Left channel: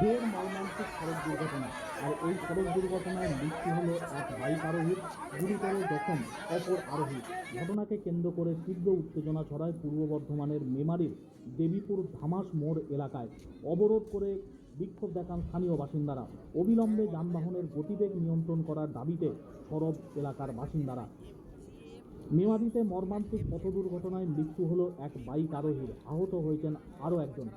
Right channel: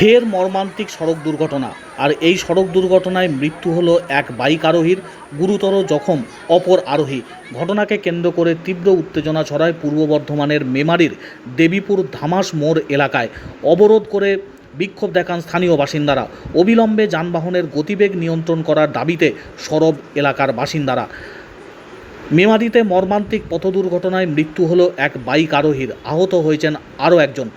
ফের মর্মান্তিক সড়ক দুর্ঘটনা। আর এই সড়ক দুর্ঘটনায় মৃত্যু হলো এক বাইক আরোহীর গুরুতর জখম, অপর আরোহী। ঘটনাকে কেন্দ্র করে তীব্র উত্তেজনা ছড়ায় পূর্ব বর্ধমানের মেমারির দেবীপুর ধামাস মোড় এলাকায়। অবরোধ করে বিক্ষোভ দেখান স্থানীয় বাসিন্দারা। অবিলম্বে যানবাহনের গতিবেগ নিয়ন্ত্রণ করার দাবিতে সরব এলাকার বাসিন্দারা। মেমারিতে মর্মান্তিক পথ দুর্ঘটনায় মৃত্যু হলো এক বাইক আরোহীর। আহত হয়েছেন আরও একজন।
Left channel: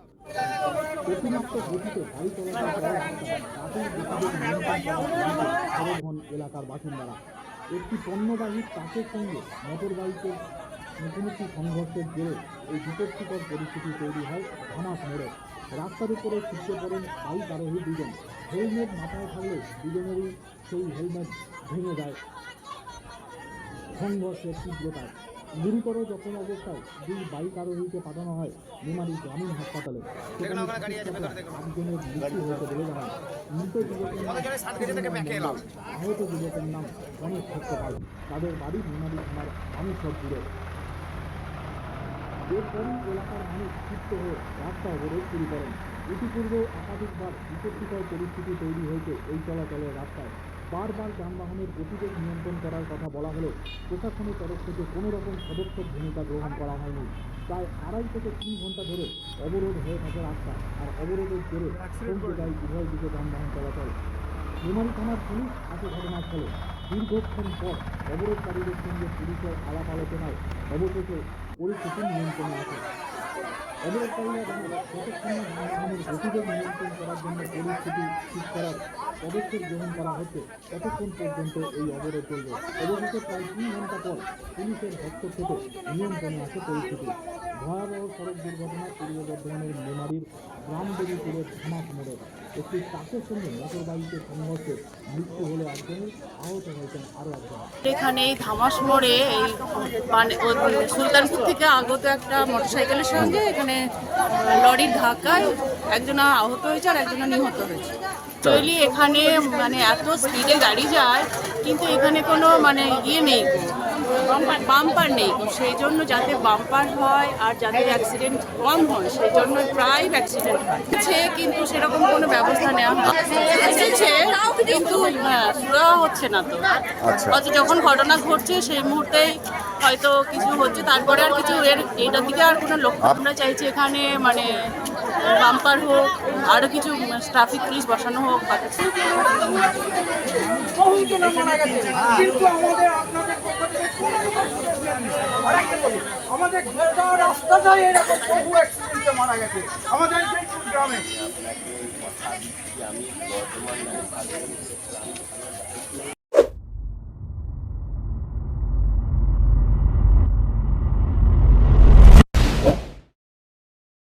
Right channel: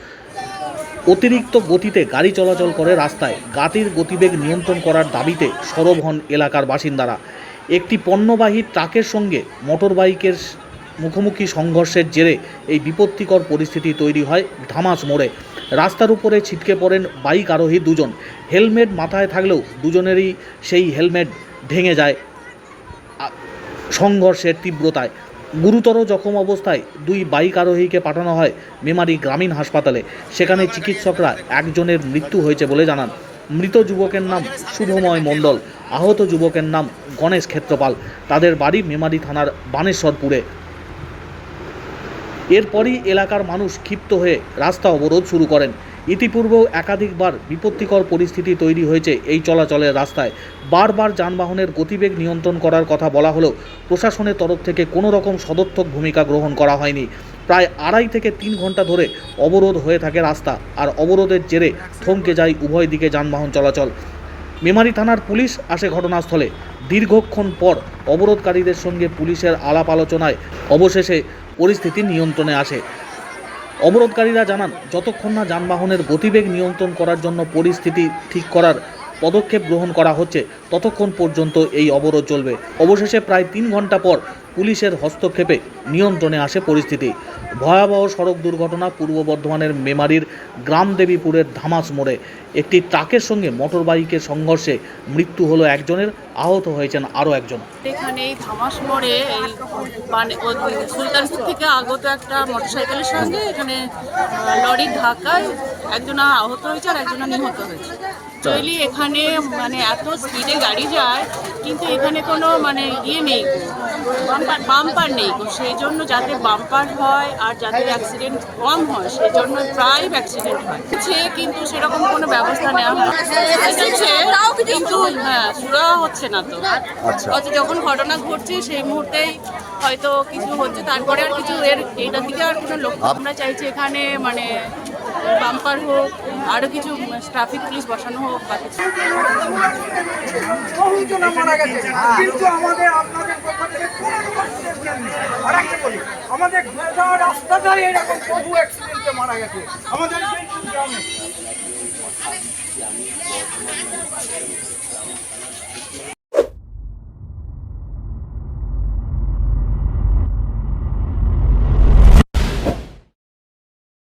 অতিরিক্ত গতিতে গাড়ি চলাচল করে রাস্তায়। গাতির গতিবেগ নিয়ন্ত্রণ করার দাবিতে সরব হন এলাকার বাসিন্দারা। একটি পণ্যবাহী ট্রাকের সঙ্গে মোটর বাইকের মুখোমুখি সংঘর্ষের জেরে এই বিপত্তিকর পরিস্থিতি তৈরি হয় ধামাস মোড়ে। রাস্তার উপরে ছিটকে পড়েন বাইক আরোহী দুজন। হেলমেট মাথায় থাকলেও দুজনেরই সেই হেলমেট ভেঙে যায়। সংঘর্ষের তীব্রতায় গুরুতর জখম অবস্থায় দুই বাইক আরোহীকে পাঠানো হয় মেমারি গ্রামীণ হাসপাতালে। সেখানে চিকিৎসকরা একজনের মৃত্যু হয়েছে বলে জানান। মৃত যুবকের নাম শুভময় মণ্ডল। আহত যুবকের নাম গণেশ ক্ষেত্রপাল। তাদের বাড়ি মেমারি থানার বানেশ্বরপুরে। এরপরই এলাকার মানুষ ক্ষিপ্ত হয়ে রাস্তা অবরোধ শুরু করেন। ইতিপূর্বেও একাধিকবার বিপত্তিকর পরিস্থিতি তৈরি হয়েছে এই চলাচলের রাস্তায়। বারবার যানবাহনের গতিবেগ নিয়ন্ত্রণ করার কথা বলা হলেও প্রশাসনের তরফ থেকে কোনো রকম সদর্থক ভূমিকা গ্রহণ করা হয়নি। প্রায় আড়াই থেকে তিন ঘণ্টা ধরে অবরোধ হয়ে থাকে রাস্তা আর অবরোধের জেরে থমকে যায় উভয় দিকে যানবাহন চলাচল। মেমারি থানার পুলিশ আসে ঘটনাস্থলে। দীর্ঘক্ষণ পর অবরোধকারীদের সঙ্গে পুলিশের আলাপ আলোচনায় অবশেষে পরিস্থিতি নিয়ন্ত্রণে আসে। অবরোধকারীরা জানান, যতক্ষণ না যানবাহনের গতিবেগ নিয়ন্ত্রণ করার জন্য পরিস্থিতি ঠিক করার পদক্ষেপ গ্রহণ করা হচ্ছে, ততক্ষণ পর্যন্ত এই অবরোধ চলবে। অবশেষে প্রায় তিন ঘণ্টা পর পুলিশের হস্তক্ষেপে নিয়ন্ত্রণে আসে পরিস্থিতি। ভয়াবহ সড়ক দুর্ঘটনা পূর্ব বর্ধমানের মেমারির গ্রাম দেবীপুরের ধামাস মোড়ে। একটি ট্রাকের সঙ্গে মোটর বাইকের সংঘর্ষে মৃত্যু হলো একজনের, আহত হয়েছেন আরও একজন। এখানে এই ধামাস মোড়ে এই মানে সুলতানপুর থেকে আগত একটা মোটরসাইকেলের সঙ্গে এখানে লরির ধাক্কায় একজনা আহত হয়েছে আর একজনা নিহত হয়েছে। অ্যাকচুয়ালি এখানে মানে এত স্পিডে গাড়ি যায় কিন্তু এখানে কোনো মানে ইয়ে নেই বাম্পার নেই গো। সেই জন্য যাতে বাম্পার হয় আর যাতে অ্যাক্সিডেন্ট কম হয় সেই জন্য প্রায় অ্যাক্সিডেন্ট হয়। সে কিন্তু সেরকম কোনো ব্যবস্থা নেওয়া হয় এসেছে কিন্তু হ্যাঁ সুরা হচ্ছে না তো। আচ্ছা। হয়তো যখন ঘটনা ঘটছে সেই মুহূর্তেই হয়তো কিছু হচ্ছে। তারপরে আর কিছু এর এইটার দিকে আর কোনো লক্ষ্য আমরা চাইছি এখানে মানে বাম্পার হোক আরও কিছু ট্রাফিক পুলিশ বসানো হোক বা কিছু। আমাদের